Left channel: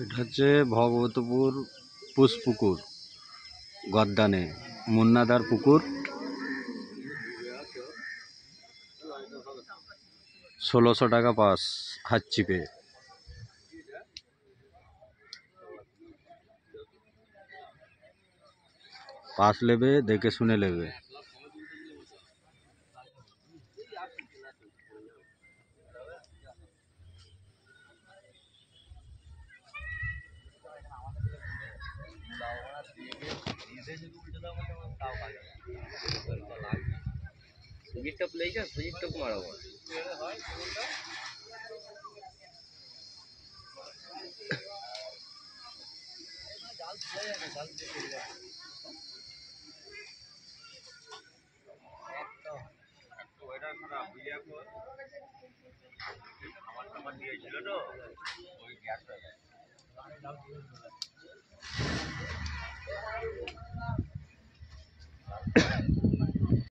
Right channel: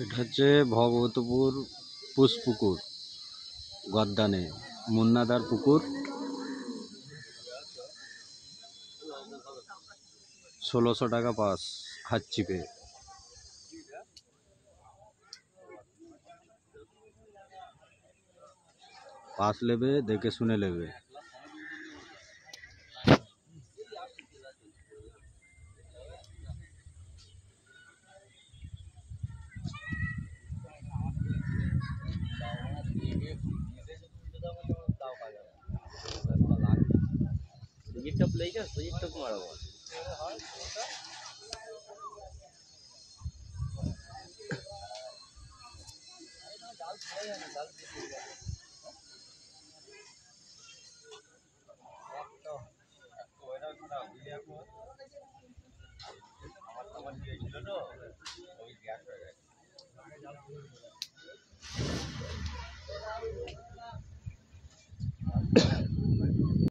এটা হচ্ছে ভগবতপুর পুষ্পুকুর গদ্দানে মুন্নাদার পুকুর। 1600 টাকা পাস হাত চিপে। পাস নেবে, দেখে শুনে নেবে। আমার দিয়েছিল তো ওই গ্যাস হয়ে গেছে।